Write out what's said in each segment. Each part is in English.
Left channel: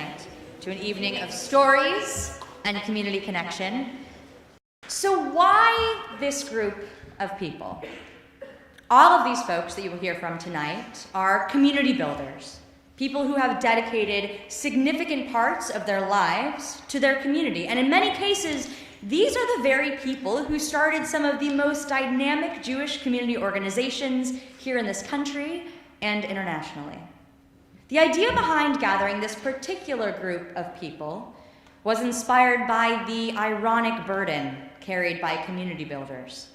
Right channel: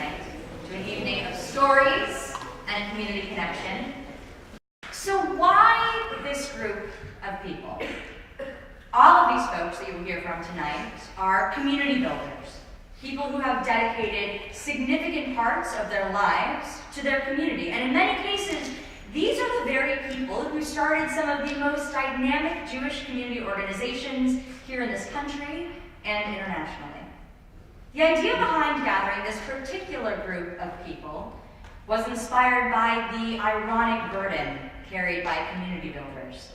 tonight to an evening of stories and community connection. So why this group of people? All of these folks that you will hear from tonight are community builders, people who have dedicated significant parts of their lives to their community. And in many cases, these are the very people who started some of the most dynamic Jewish community organizations here in this country and internationally. The idea behind gathering this particular group of people was inspired by the ironic burden carried by community builders.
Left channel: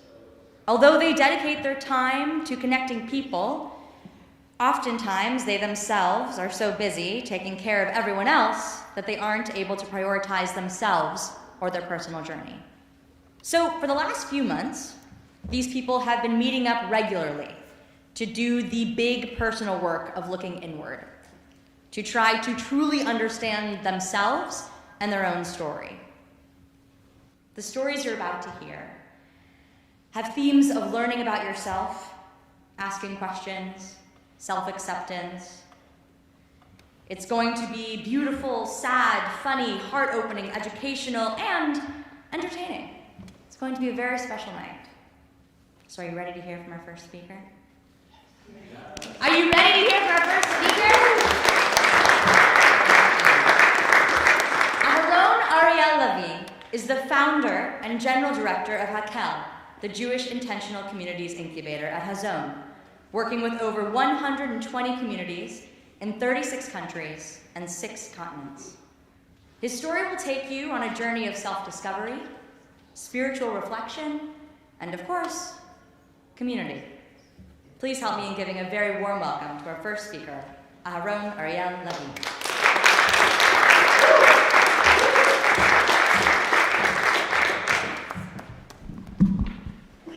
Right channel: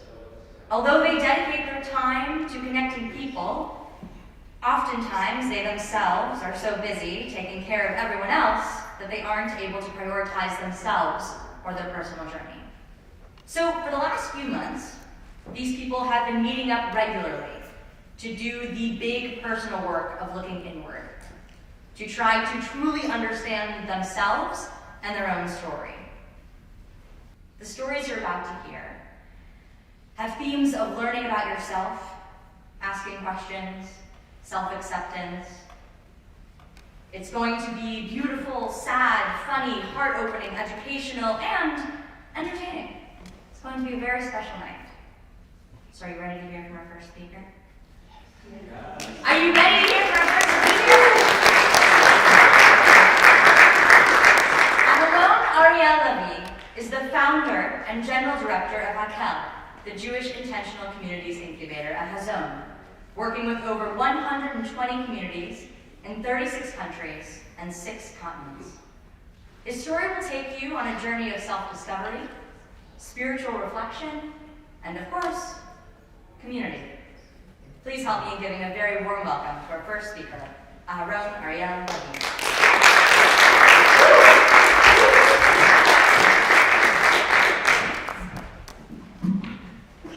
Although they dedicate their time to connecting people, oftentimes they themselves are so busy taking care of everyone else that they aren't able to prioritize themselves or their personal journey. So for the last few months, these people have been meeting up regularly to do the big personal work of looking inward, to try to truly understand themselves and their own story. The stories you're about to hear have themes of learning about yourself, asking questions, self-acceptance. It's going to be beautiful, sad, funny, heart-opening, educational, and entertaining. It's going to be a very special night. So are you ready to hear from our first speaker? Yeah. Are you ready to hear from our first speaker? Aharon Ariel Lavi is the founder and general director of HaKel, the Jewish Intentional Communities Incubator at Hazon, working with over 120 communities in 36 countries and 6 continents. His story will take you on a journey of self-discovery, spiritual reflection, and of course, community. Please help me in giving a very warm welcome to our first speaker, Aharon Ariel Lavi.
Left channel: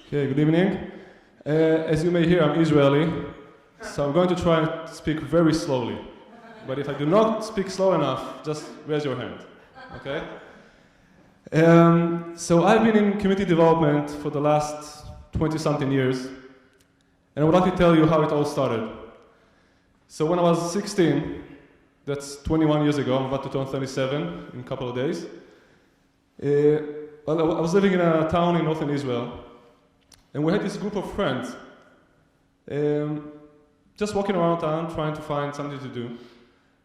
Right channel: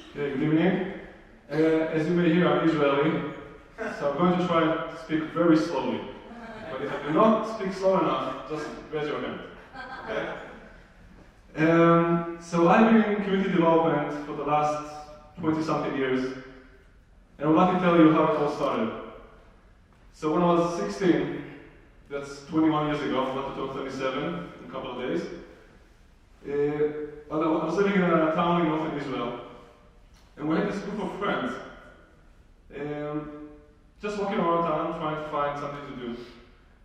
Okay, good evening. As you may hear, I'm Israeli, so I'm going to try to speak very slowly. But if I do not speak slow enough, just raise your hand, okay? So I've been in community development for the last 20-something years, and I would like to tell you how it all started. So when I was 16, that's 21 years ago, I'm about to turn 37 in a couple of days, I was living in a town in northern Israel, and we had this group of friends, just walking around town trying to find something to do.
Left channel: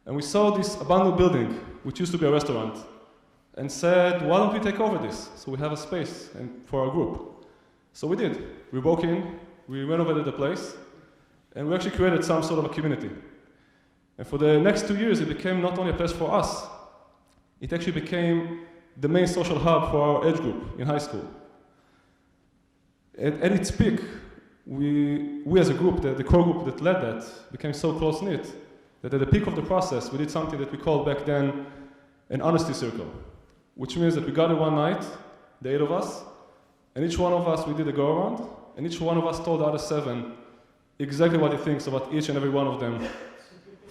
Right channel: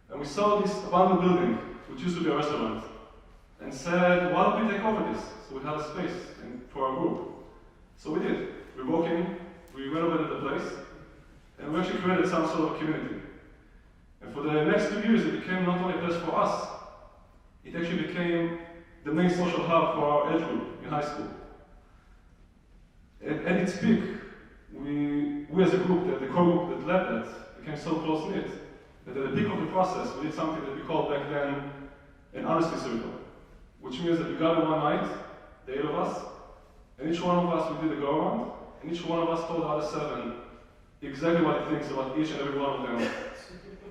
And we saw this abandoned building, which used to be a restaurant, and said, why don't we take over this? So we have a space for our group. So we did. We broke in, we renovated the place, and we actually created some sort of a community. And for the next 2 years, it became not only a place for us, it actually became the main social hub for our age group in high school. And at its peak, we as a group, the core group that led that, became so close-knit that at the peak of the process, we did something that we called back then an honesty circle, which means that we got in one night, the 8 of us, and each one of us, we did a go-around, and each one of us told the other 7 exactly what he thinks about each and every one of them,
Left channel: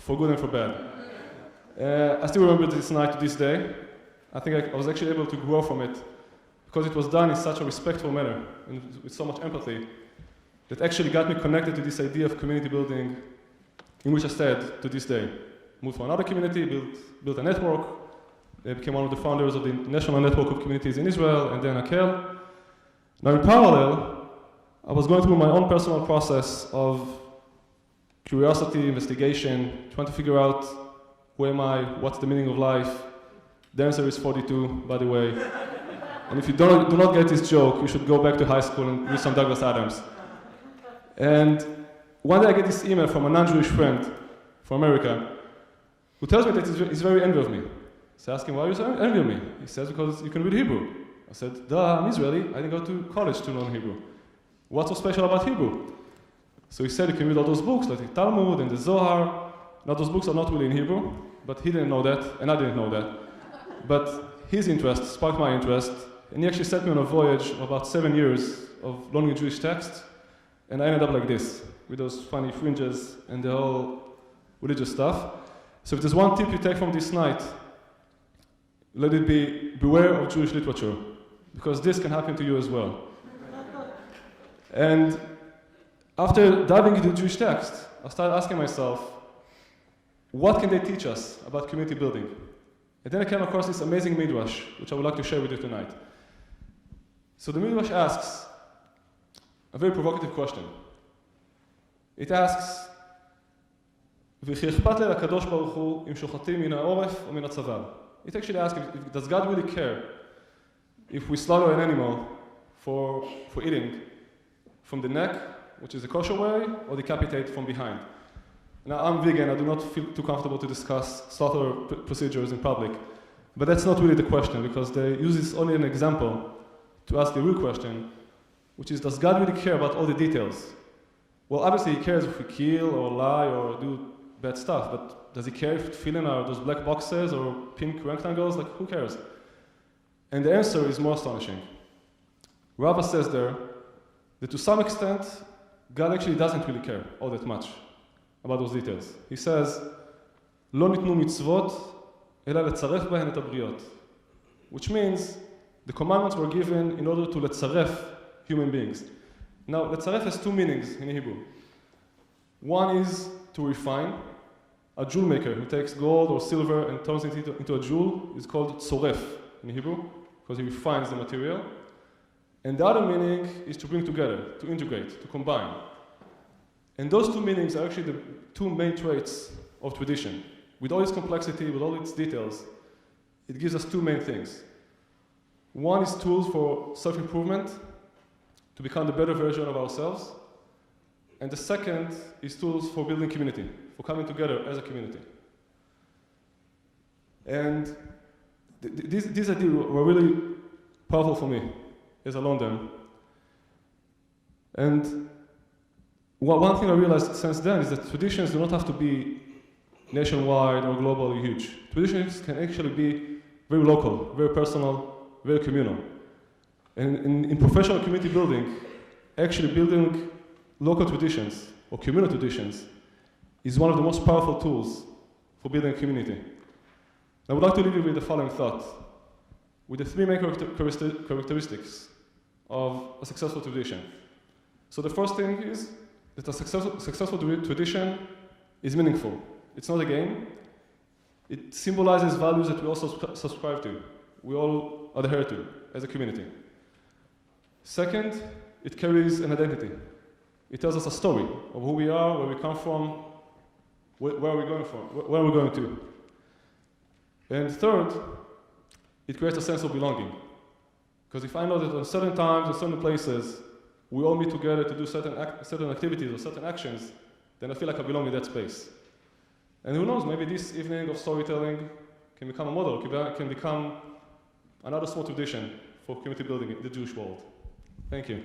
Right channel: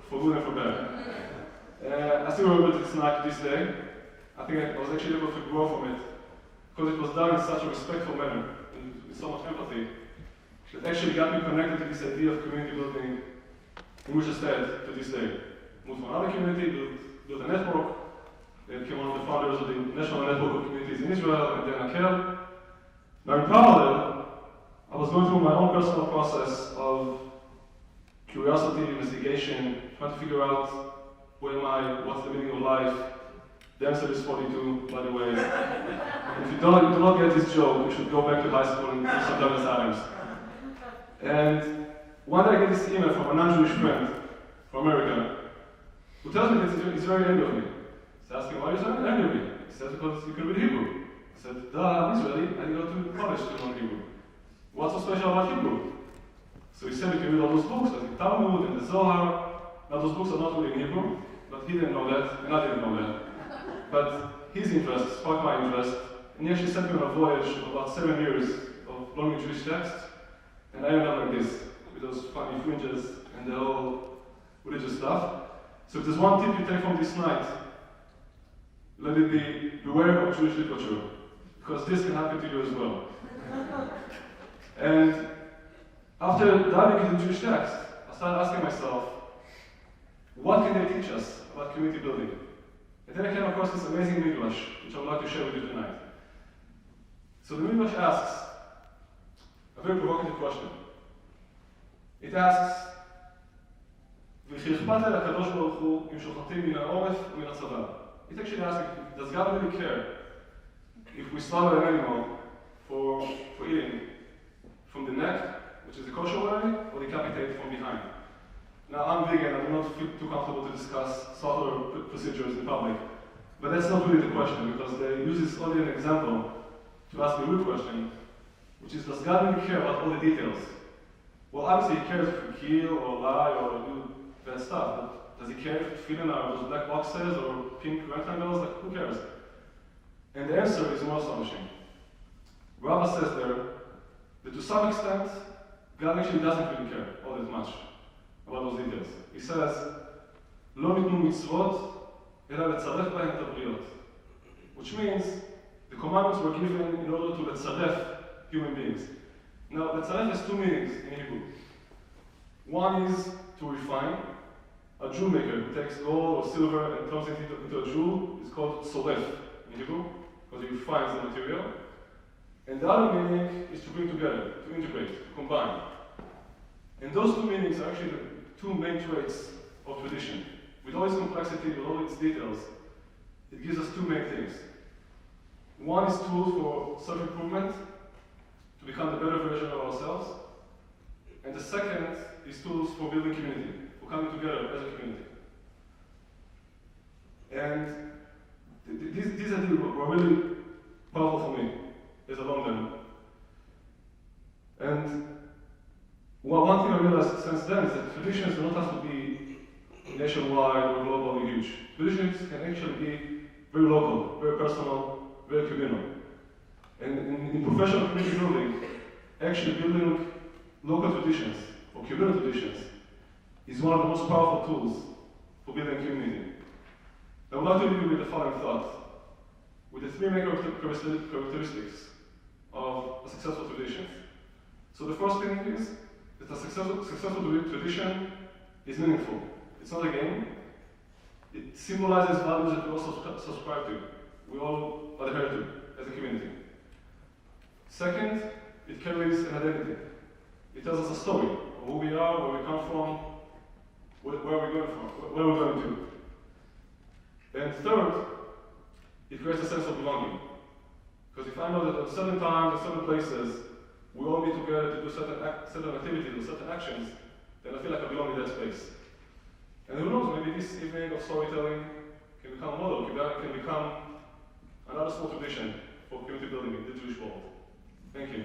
for good and for bad. I still remember this night to this day. I think I was actually able to grow from it, because it was done in such a respectful manner, and with so much empathy, that actually got me connected to this idea of community building, in which I stayed to this day. Moved to another community, built a network, then became one of the founders of the National Network of Communities in Israel, and then HaKel. Now in parallel, I was going through my own personal process of curiosity, investigation, trying to figure out who am I, what's the meaning of life. The answer is 42, by the way. And if you do not get this joke, you should go back to high school and do some Douglas Adams. And one day I get this email from a non-Jewish friend from America who tells me that he's very angry with me. So I ask him, why are you so angry with me? He says, because you can read Hebrew. I said, duh, I'm Israeli, I didn't go to college to learn Hebrew. What's so special about Hebrew? So he said, you can read all those books, like the Talmud and the Zohar. Now those books are not really in Hebrew, but he didn't know that, and I didn't know that. But his interest sparked my interest, and he actually sent me on a voyage of about 7 years of learning Jewish texts, and I ended up like this, with those funny fringes and the whole religious stuff. So if there's one tip you take from this night, let it be, beware of Jewish literature, because this can happen to you as well. And after diving into Jewish text, I started asking myself, what can they teach us about community building. And then I came across this amazing midrash, which I would like to share with you tonight. So the midrash asks a very provocative question. It asks, וכי אכפת לקדוש ברוך הוא אם שוחטים מן העורף ומן הצוואר. It actually asks, does God really care if we slaughter an animal for eating from the neck, which is the kosher way, or decapitate from behind? Now, I'm vegan, I do not feel too comfortable to discuss slaughter procedures in public, but that's not really the question, because they use this only an example to ask the real question, which is, does God really care about all the details? Well, obviously he cares if we kill or lie or do bad stuff, but does he care if tefillin are those black boxes or pink rectangles? Like, who cares? And the answer is more astonishing. Rava says there that to some extent, God actually doesn't really care all that much about those details. He says, לא ניתנו מצוות, אלא לצרף בהן את הבריות. Which means, the commandments were given in order to לצרף human beings. Now, לצרף has two meanings in Hebrew. One is to refine. A jewel maker who takes gold or silver and turns it into a jewel is called tzoref in Hebrew, because he refines the material. And the other meaning is to bring together, to integrate, to combine. And those two meanings are actually the two main traits of tradition. With all its complexity, with all its details, it gives us two main things. One is tools for self-improvement, to become a better version of ourselves. And the second is tools for building community, for coming together as a community. And these ideas were really powerful for me as a Londoner. And one thing I realized since then is that traditions do not have to be nationwide or global or huge. Traditions can actually be very local, very personal, very communal. And in professional community building, actually building local traditions or communal traditions is one of the most powerful tools for building a community. I would like to leave you with the following thought, with the three main characteristics of a successful tradition. So the first thing is that a successful tradition is meaningful. It's not a game. It symbolizes values that we also subscribe to, we all adhere to as a community. Second, it carries an identity. It tells us a story of who we are, where we come from, where we're going from, where we're going to. And third, it creates a sense of belonging. Because if I know that at certain times, at certain places, we all meet together to do certain activities or certain actions, then I feel like I belong in that space. And who knows, maybe this evening of storytelling can become a model, can become another small tradition for community building in the Jewish world. Thank you.